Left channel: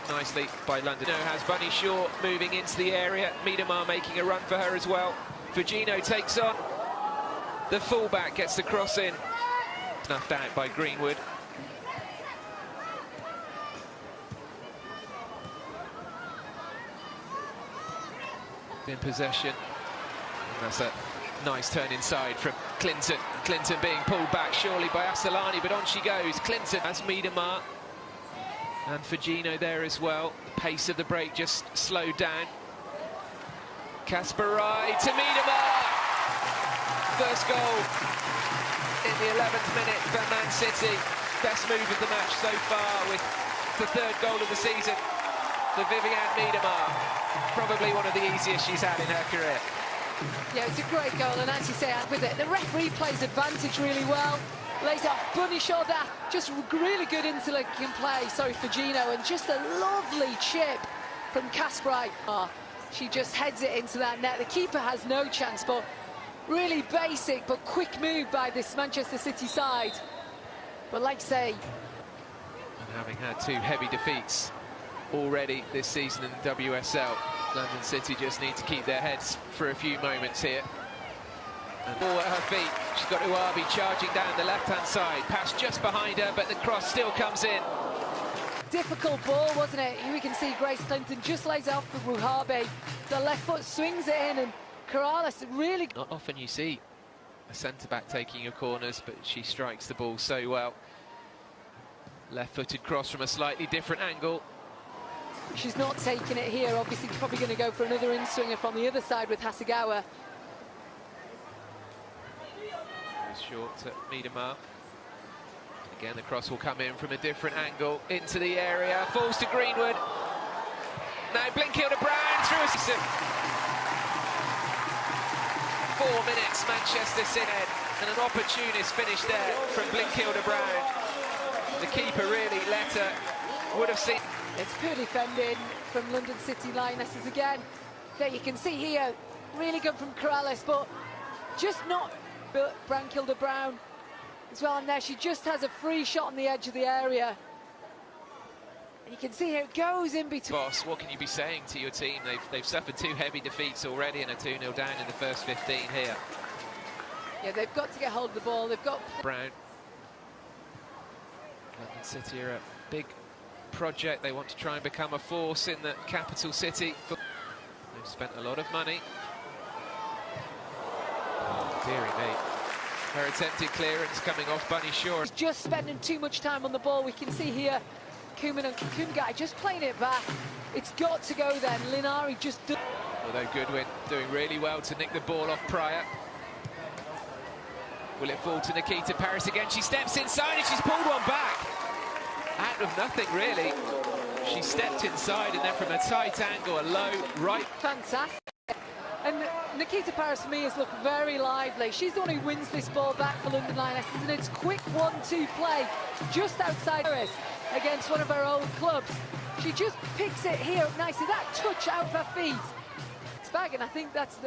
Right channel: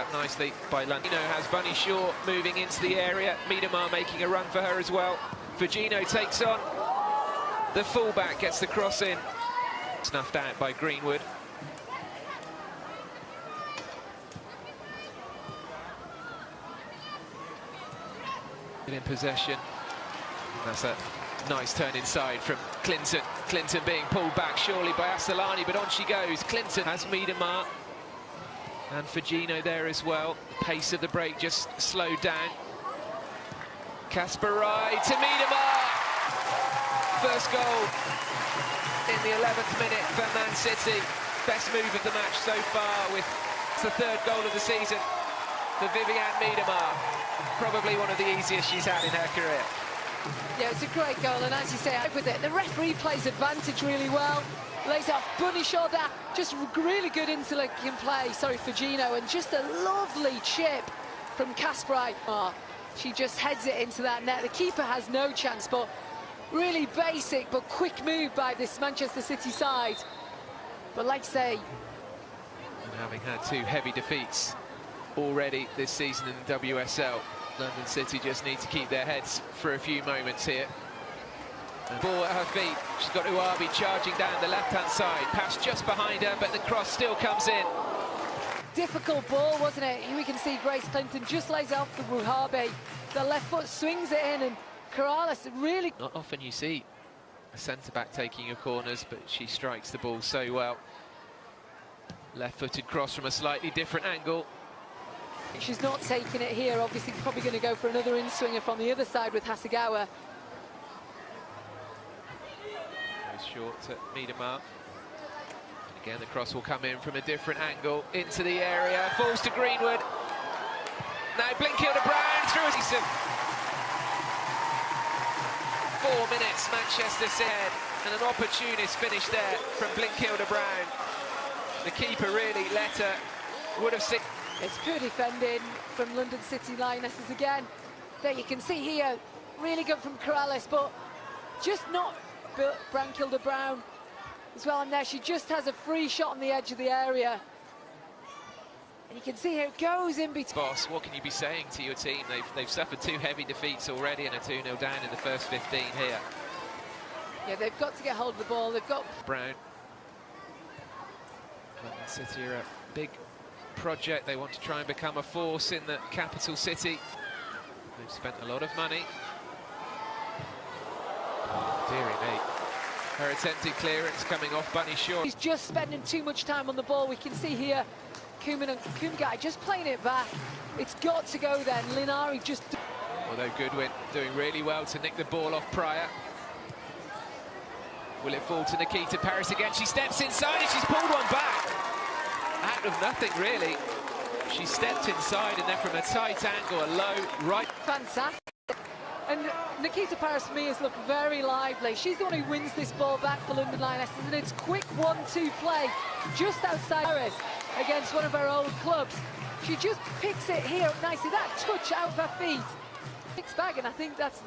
that nicely by London. Has Bunny Shaw moving into the area. Miedemar making a run for her as well. Virginia takes on. The fullback gets the cross in. Snuffed out by Greenwood. In possession. That's a nice turn inside from Clinton. Clinton being pulled back surely by Assolani, but on she goes. Clinton has Miedemar. And Fugino there as well. Pace of the break just slowed down. Casper Rye to Miedemar. First goal in the 11th minute for Man City. Best move of the match so far with the third goal of the season for Vivianne Miedemar. Probably one of the easiest she's had in her career. Yeah, it's a great goal, and as you say, with it, the referee plays advantage really well. Lays off Bunny Shaw that, just really good interlinking play, sorry for Gino, and just a lovely chip from Kasparov. She just heads it into that net. The keeper has no chance, but really basic but quick move by this Manchester City side. But like I say, having had two heavy defeats already this season in WSL, London City just need to keep their heads for a few moments here. Ball at her feet, she's got Uabi charging down the left-hand side, pass just behind her, but the cross still comes in. Difficult ball, wasn't it? Here we can see Grace Clinton just lays out for Muhabe. The left foot swings it in, and Corrales really... Not often you see a centre-back taking your corners, but she strikes the ball so well. Left-footed cross from a slightly different angle. She's not taking it here, obviously probably going to go for another in-swinger from the other side with Hasegawa. Short at Miedemar. Again, the cross will come in from a different angle into the area. Falls to Greenwood. Now Blinkill-Brown through a season. 4 minutes, Manchester City, and an opportunist finish there from Blinkill-Brown. The keeper really let her. Would have seen. It's good defending from London City Lionesses again. There you can see here, really good from Corrales, but just not Blinkill-Brown as well. Now she just has a free shot on the edge of the area. You can see it goes in between. Boss, what can you be saying to your team? They've suffered two heavy defeats already and are 2-0 down in the first 15 here. Yeah, they've got to get hold of the ball. They've got... Brown. City are a big project. They want to try and become a force in the capital city. They've spent a lot of money. Dear me. Her attempted clearance coming off Bunny Shaw. He's just spending too much time on the ball. We can see here Kuman and Kungai just playing it back. It's got to go there. Linari just... Although Goodwin doing really well to nick the ball off Pryor. Will it fall to Nikita Paris again? She steps inside and she's pulled one back. Out of nothing, really. She stepped inside and then from a tight angle, a low right. Fantastic. And Nikita Paris to me has looked very lively. She's the one who wins this ball back for London Lionesses, and it's quick 1-2 play just outside Paris against one of her old clubs. She just picks it here up nicely. That touch out of her feet. Mixed bag, and I think that's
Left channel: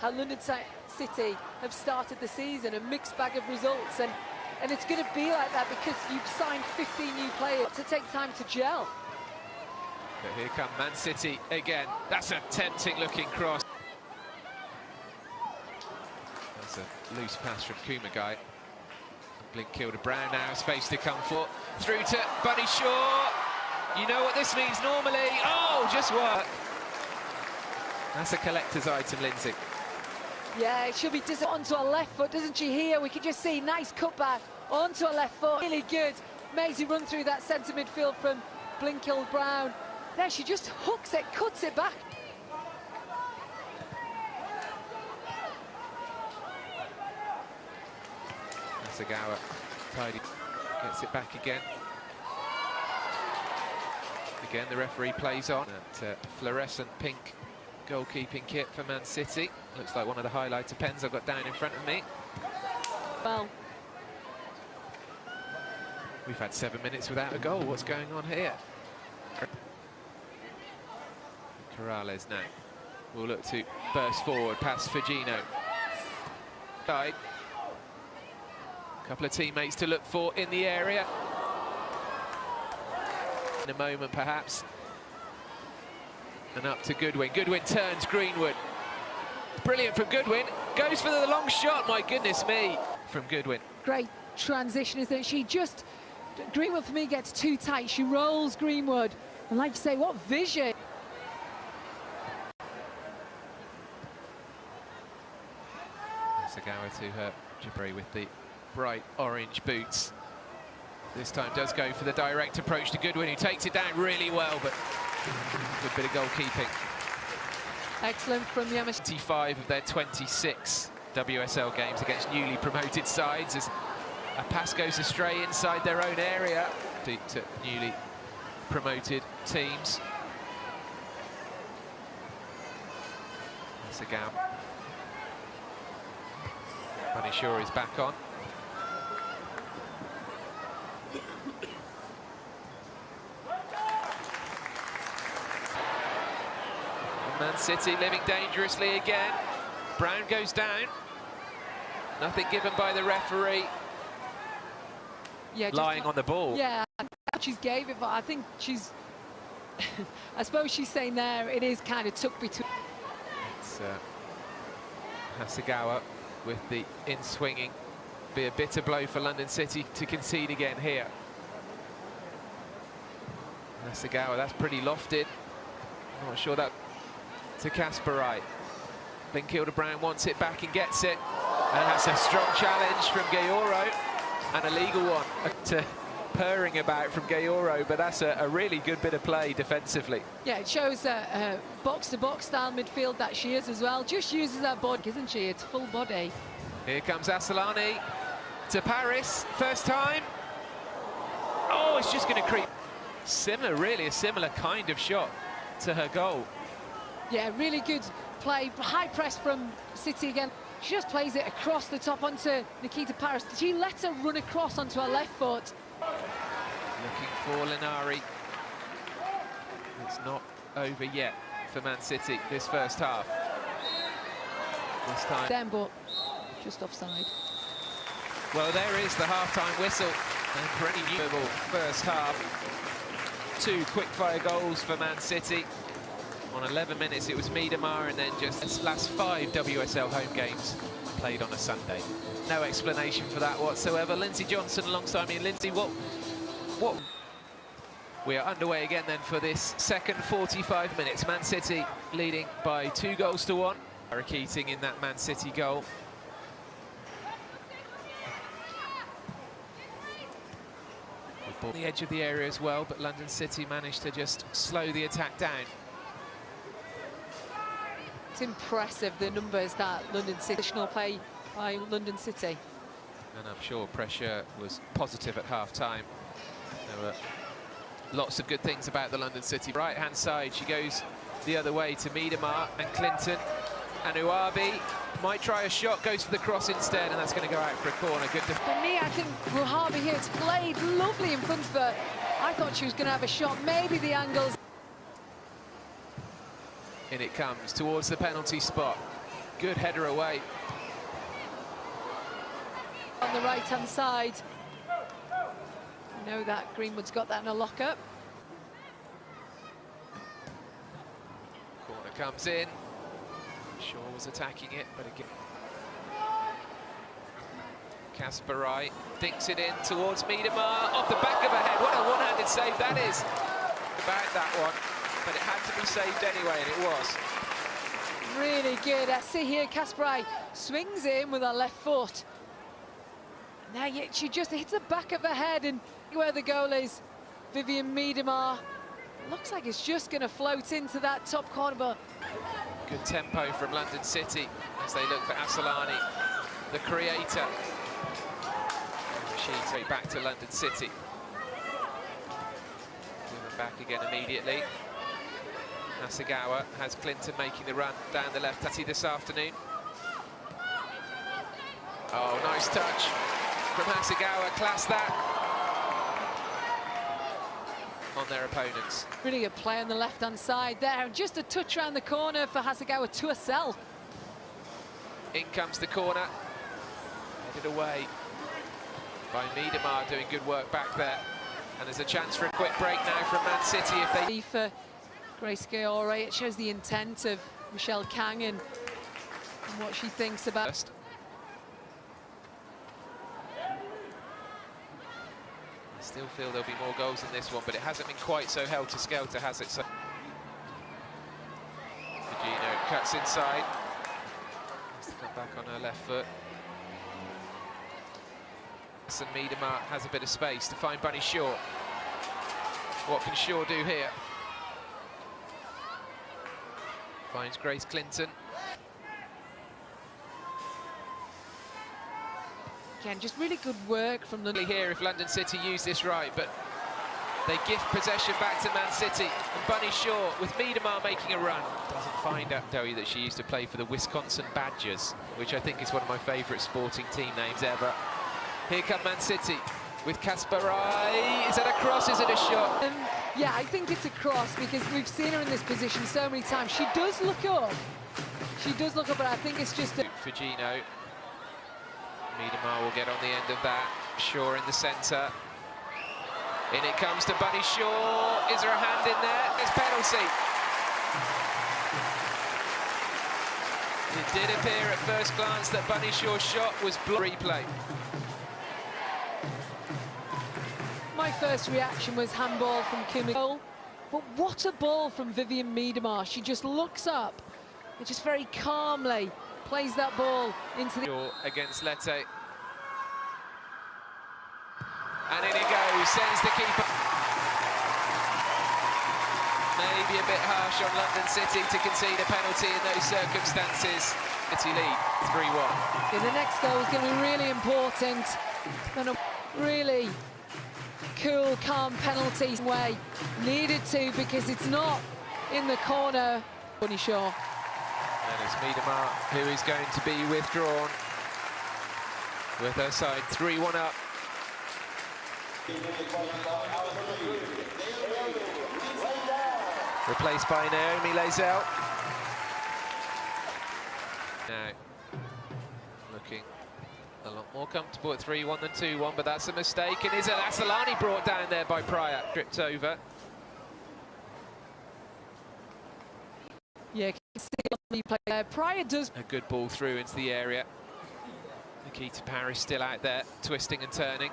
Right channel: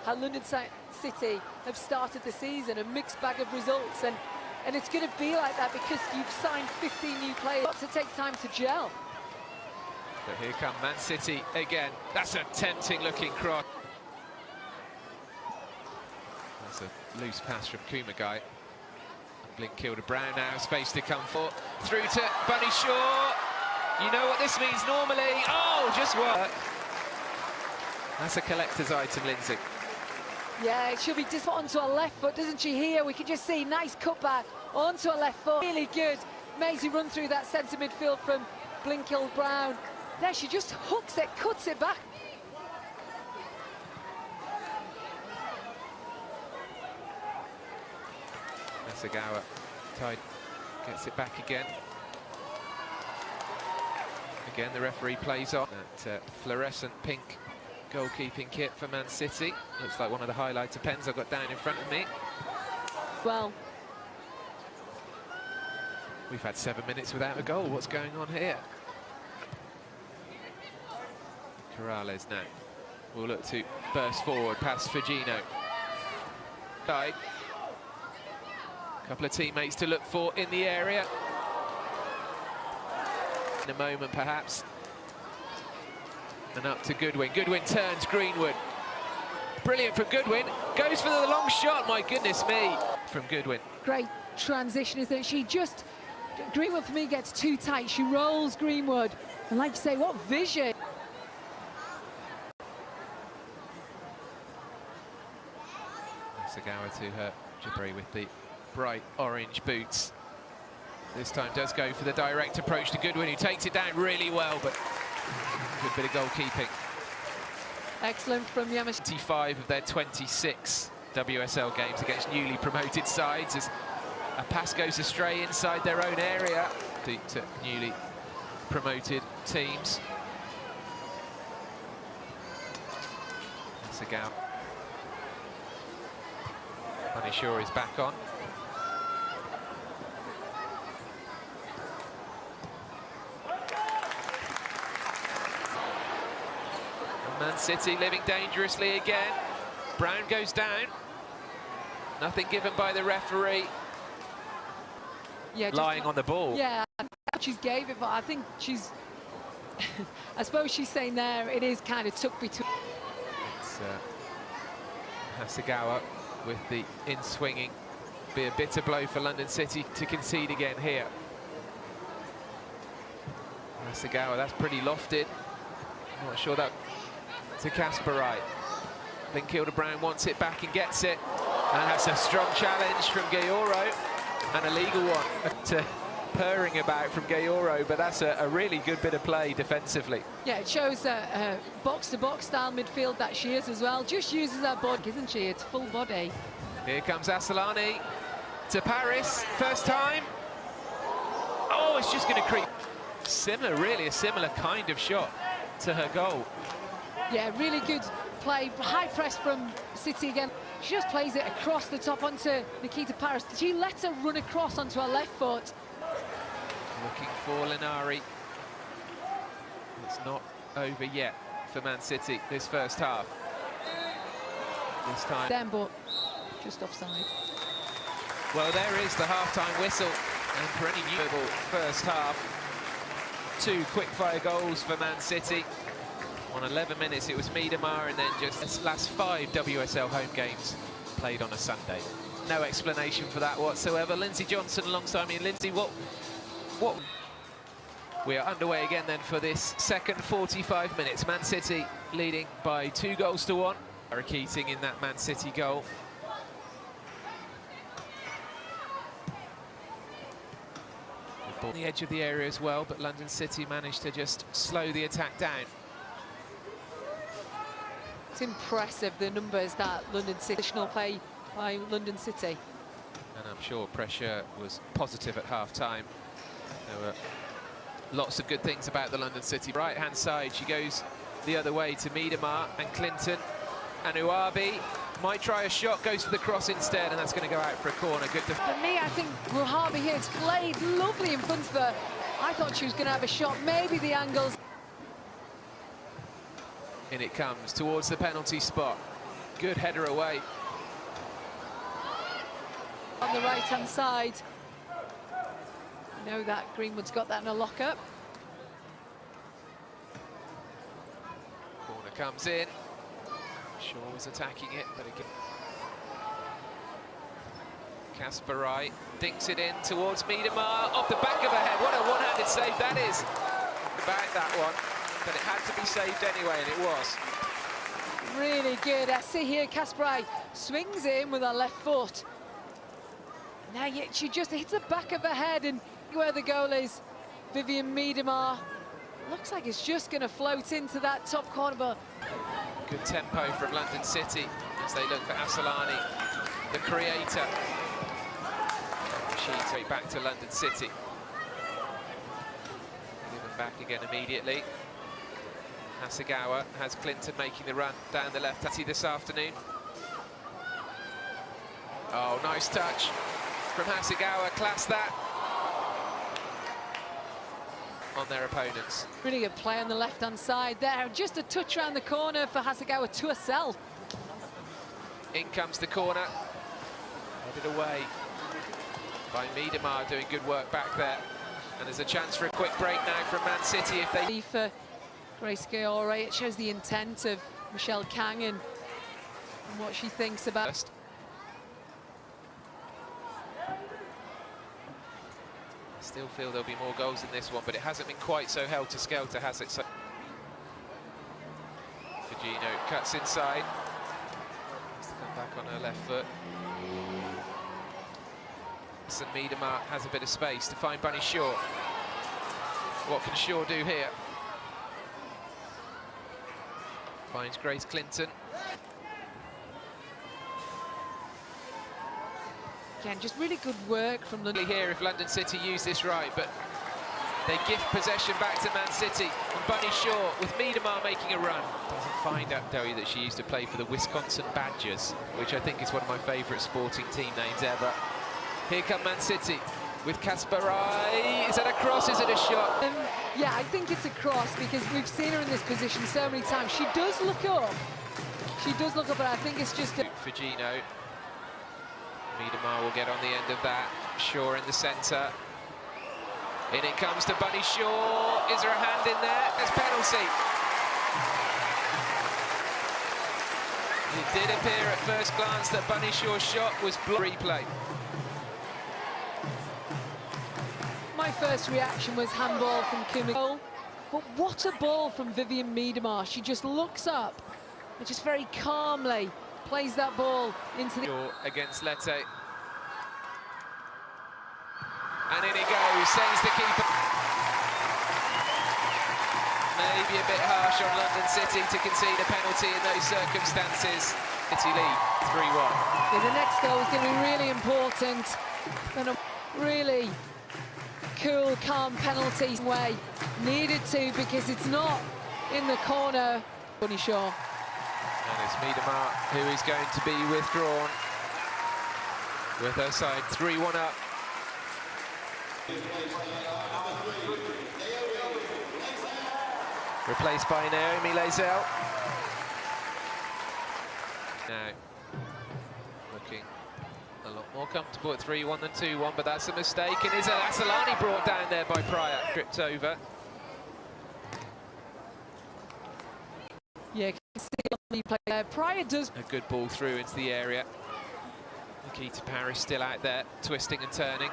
how London City have started the season, a mixed bag of results, and it's going to be like that because you've signed 15 new players to take time to gel. But here come Man City again. That's a tempting looking cross. That's a loose pass from Kumagai. Blinkill-Brown now, space to come for. Through to Bunny Shaw. You know what this means normally. Oh, just work. That's a collector's item, Lindsay. Yeah, it should be just onto a left foot, doesn't she? Here we can just see nice cutback onto a left foot. Really good. Amazing run through that centre midfield from Blinkill-Brown. There she just hooks it, cuts it back. Hasegawa gets it back again. Again, the referee plays on that fluorescent pink goalkeeping kit for Man City. Looks like one of the highlighter pens I've got down in front of me. Well, we've had 7 minutes without a goal. What's going on here? Corrales now will look to burst forward past Fugino. Died. A couple of teammates to look for in the area. In a moment, perhaps, And up to Goodwin. Goodwin turns Greenwood. Brilliant from Goodwin. Goes for the long shot, my goodness me, from Goodwin. Great transition, isn't it? She just, Greenwood for me gets too tight. She rolls Greenwood. And like you say, what vision. Sagawa to her Jabari with the bright orange boots. This time does go for the direct approach to Goodwin, who takes it down really well, but good bit of goalkeeping. Excellent from Yamashita. 25 of their 26 WSL games against newly promoted sides as a pass goes astray inside their own area to newly promoted teams. Sagawa. Manishaw is back on. And Man City living dangerously again. Brown goes down. Nothing given by the referee. Yeah, lying on the ball. Yeah, she's gave it, but I think she's... I suppose she's saying there, it is kind of tucked between... It's Hasegawa with the in-swinging. Be a bitter blow for London City to concede again here. Hasegawa, that's pretty lofted. I'm not sure that... to Kasparite. Linkilda Brown wants it back and gets it. And that's a strong challenge from Gayoro. And a legal one to purring about from Gayoro, but that's a really good bit of play defensively. Yeah, it shows a box-to-box style midfield that she is as well. Just uses her body, isn't she? It's full body. Here comes Asselani to Paris, first time. Oh, it's just going to creep. Similar, really, a similar kind of shot to her goal. Yeah, really good play. High press from City again. She just plays it across the top onto Nikita Paris. She lets her run across onto her left foot. Looking for Linari. It's not over yet for Man City this first half. This time. Then, but just offside. Well, there is the half-time whistle. And for any viewable first half, 2 quick-fire goals for Man City. On 11 minutes, it was Miedemar, and then just last 5 WSL home games played on a Sunday. No explanation for that whatsoever. Lindsay Johnson alongside me. Lindsay, what? We are underway again then for this second 45 minutes. Man City leading by 2 goals to 1. Sarah Keating in that Man City goal. Good ball on the edge of the area as well, but London City managed to just slow the attack down. It's impressive, the numbers that London City, additional play by London City. And I'm sure pressure was positive at half-time. There were lots of good things about the London City. Right-hand side, she goes the other way to Miedemar and Clinton. And Uabi might try a shot, goes for the cross instead, and that's going to go out for a corner. Good For me, I think Ruhabi here, it's played lovely in front of her. I thought she was going to have a shot, maybe the angles. In it comes towards the penalty spot. Good header away. On the right-hand side. You know that Greenwood's got that in a lock-up. Corner comes in. Shaw was attacking it, but again. Kasparite dinks it in towards Miedemar, off the back of her head. What a one-handed save that is. About that one. But it had to be saved anyway, and it was. Really good. I see here Kasparite swings in with her left foot. Now she just hits the back of her head, and where the goal is, Vivian Miedemar. Looks like it's just going to float into that top corner, but... Good tempo from London City as they look for Asselani, the creator. She back to London City. Given back again immediately. Hasegawa has Clinton making the run down the left this afternoon. Oh, nice touch from Hasegawa, class that on their opponents. Really good play on the left-hand side there. Just a touch around the corner for Hasegawa to herself. In comes the corner. Headed away by Miedemar, doing good work back there. And there's a chance for a quick break now from Man City if they... For Grace Gaore. It shows the intent of Michelle Kang and what she thinks about. First. I still feel there'll be more goals in this one, but it hasn't been quite so helter-skelter, has it? So Fujino cuts inside. Has to come back on her left foot. And Miedema has a bit of space to find Bunny Shaw. What can Shaw do here? Finds Grace Clinton. Again, just really good work from London. Here if London City use this right, but they give possession back to Man City. And Bunny Shaw, with Miedema making a run, doesn't find out, tell you, that she used to play for the Wisconsin Badgers, which I think is one of my favourite sporting team names ever. Here come Man City with Kasparai. Is that a cross? Is it a shot? Yeah, I think it's a cross because we've seen her in this position so many times. She does look up. She does look up, but I think it's just a... Fujino. Miedema will get on the end of that. Shaw in the centre. In it comes to Bunny Shaw. Is there a hand in there? There's penalty. It did appear at first glance that Bunny Shaw's shot was blocked. Replay. My first reaction was handball from Kumiko, but what a ball from Vivian Miedema. She just looks up and just very calmly plays that ball into the... Against Lete. And in it goes, sends the keeper. Maybe a bit harsh on London City to concede a penalty in those circumstances. City lead, 3-1. Yeah, the next goal is going to be really important. And a really cool, calm penalty way. Needed to, because it's not in the corner. Bunny Shaw. And it's Miedema who is going to be withdrawn with her side 3-1 up. Replaced by Naomi Lazelle. Now looking a lot more comfortable at 3-1 than 2-1, but that's a mistake. And is Asalani brought down there by Pryor? Tripped over. Yeah, Pryor does a good ball through into the area. Nikita Paris still out there, twisting and turning.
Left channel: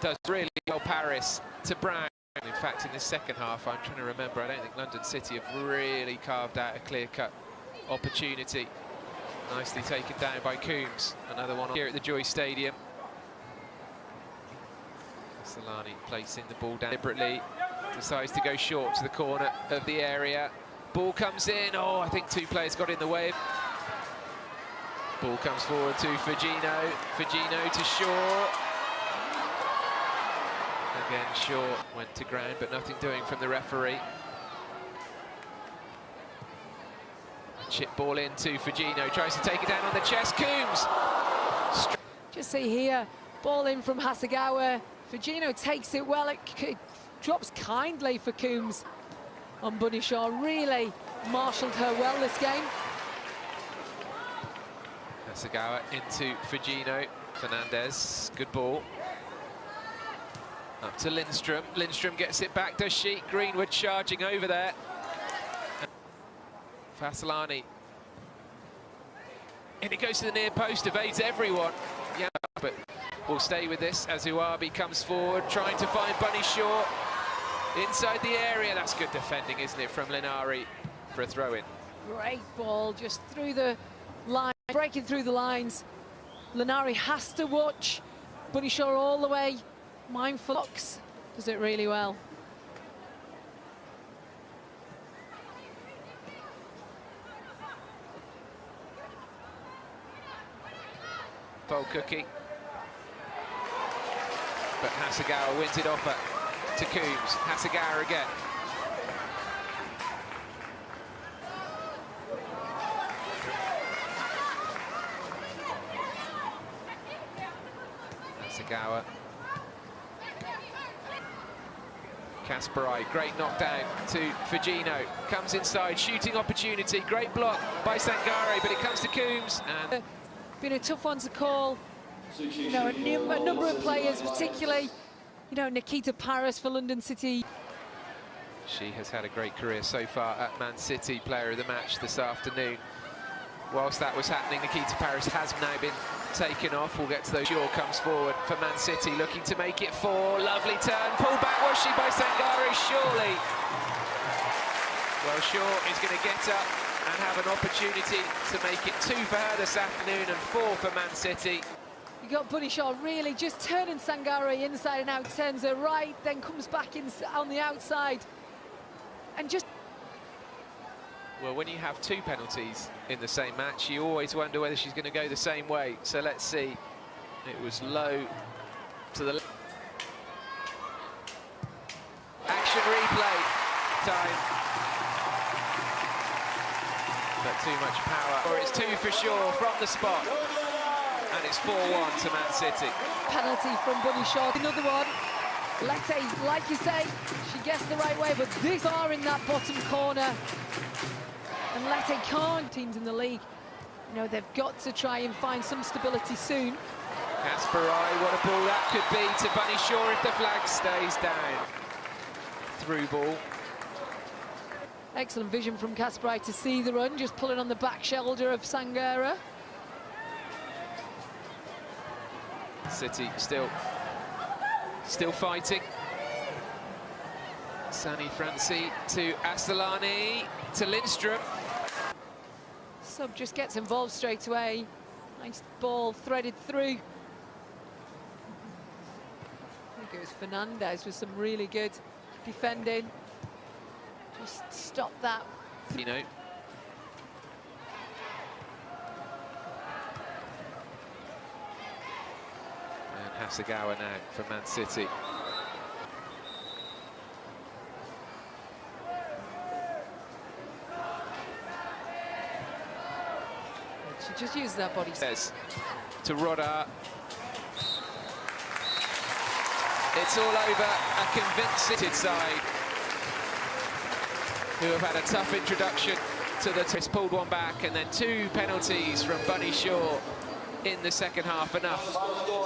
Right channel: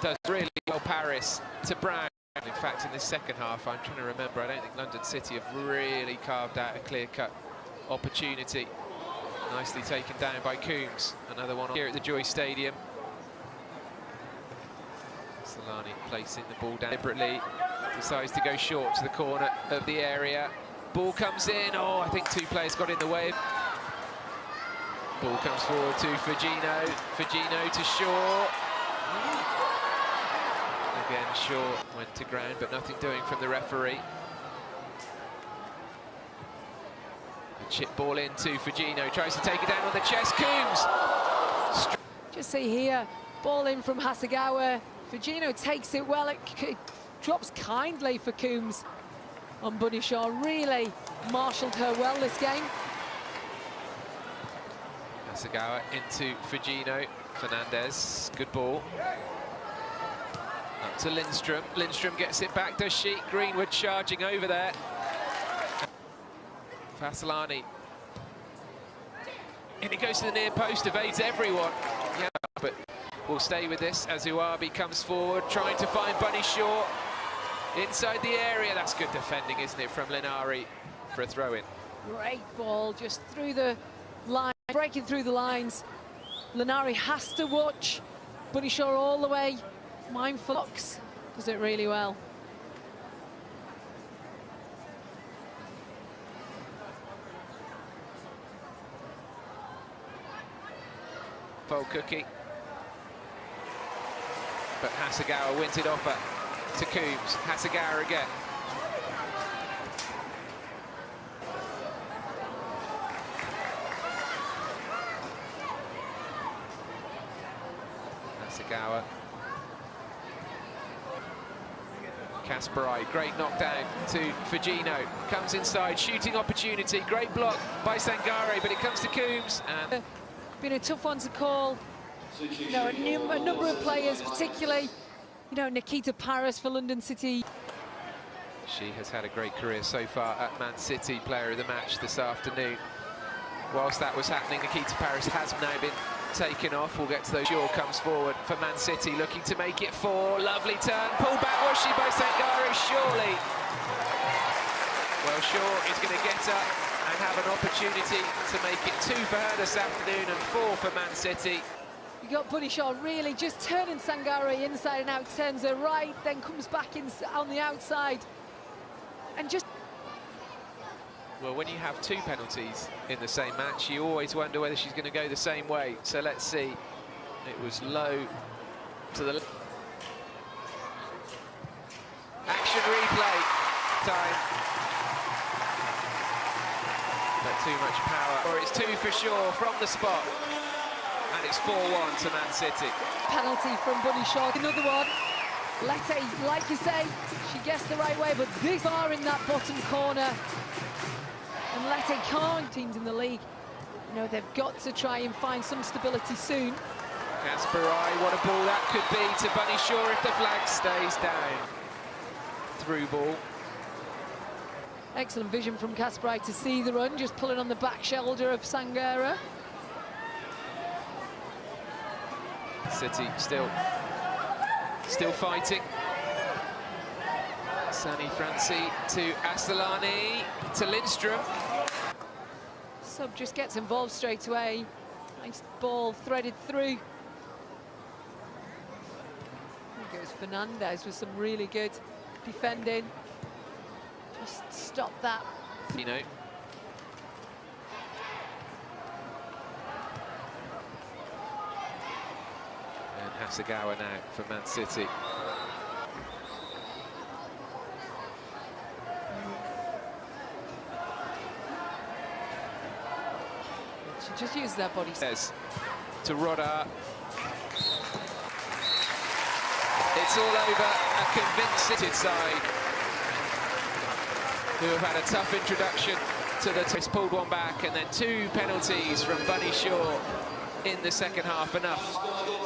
Does really well, Paris to Brown. In fact, in this second half, I'm trying to remember, I don't think London City have really carved out a clear-cut opportunity. Nicely taken down by Coombs. Another one here at the Joy Stadium. Solani placing the ball down deliberately. Decides to go short to the corner of the area. Ball comes in. Oh, I think two players got in the way. Ball comes forward to Fujino. Fujino to Shaw. Again, Shaw went to ground, but nothing doing from the referee. A chip ball into Fujino. Tries to take it down on the chest. Coombs. Just see here, ball in from Hasegawa. Fujino takes it well. It drops kindly for Coombs on Bunny Shaw. Really marshalled her well this game. Hasegawa into Fujino. Fernandez, good ball. Up to Lindstrom. Lindstrom gets it back, does she? Greenwood charging over there. Fasolani. And it goes to the near post, evades everyone. Yeah, but we'll stay with this as Uabi comes forward, trying to find Bunny Shaw inside the area. That's good defending, isn't it, from Linari for a throw-in. Great ball, just through the line, breaking through the lines. Linari has to watch Bunny Shaw all the way. Mindful. Fox does it really well. Fold cookie. But Hasegawa wins it off her to Coombs. Hasegawa again. Hasegawa. Kasparai, great knockdown to Fujino. Comes inside, shooting opportunity. Great block by Sangare, but it comes to Coombs. And been a tough one to call. You know, a number of players, particularly, you know, Nikita Paris for London City. She has had a great career so far at Man City, player of the match this afternoon. Whilst that was happening, Nikita Paris has now been taken off. We'll get to those. Shaw comes forward for Man City, looking to make it 4. Lovely turn, pulled back, was she, by Sangare? Surely. Well, Shaw is going to get up and have an opportunity to make it 2 for her this afternoon and 4 for Man City. You got Bunny Shaw really just turning Sangare inside and out, turns her right, then comes back in on the outside. And just... Well, when you have 2 penalties in the same match, you always wonder whether she's going to go the same way. So let's see. It was low to the left. Action replay time. But too much power. Or it's 2 for Shaw from the spot. And it's 4-1 to Man City. Penalty from Bunny Shaw. Another one. Lette, like you say, she gets the right way, but this far in that bottom corner. And Lette can't. Teams in the league, you know, they've got to try and find some stability soon. Kasparai, what a ball that could be to Bunny Shaw if the flag stays down. Through ball. Excellent vision from Kasparai to see the run, just pulling on the back shoulder of Sangare. City still fighting. Sani Franci to Asselani to Lindstrom. Sub just gets involved straight away. Nice ball threaded through. I think it was Fernandez with some really good defending. Just stop that. You know. And Hasegawa now for Man City. She just used that body. Says to Rodar. It's all over. A convincing side who have had a tough introduction to the twist. Pulled one back, and then 2 penalties from Bunny Shaw in the second half. Enough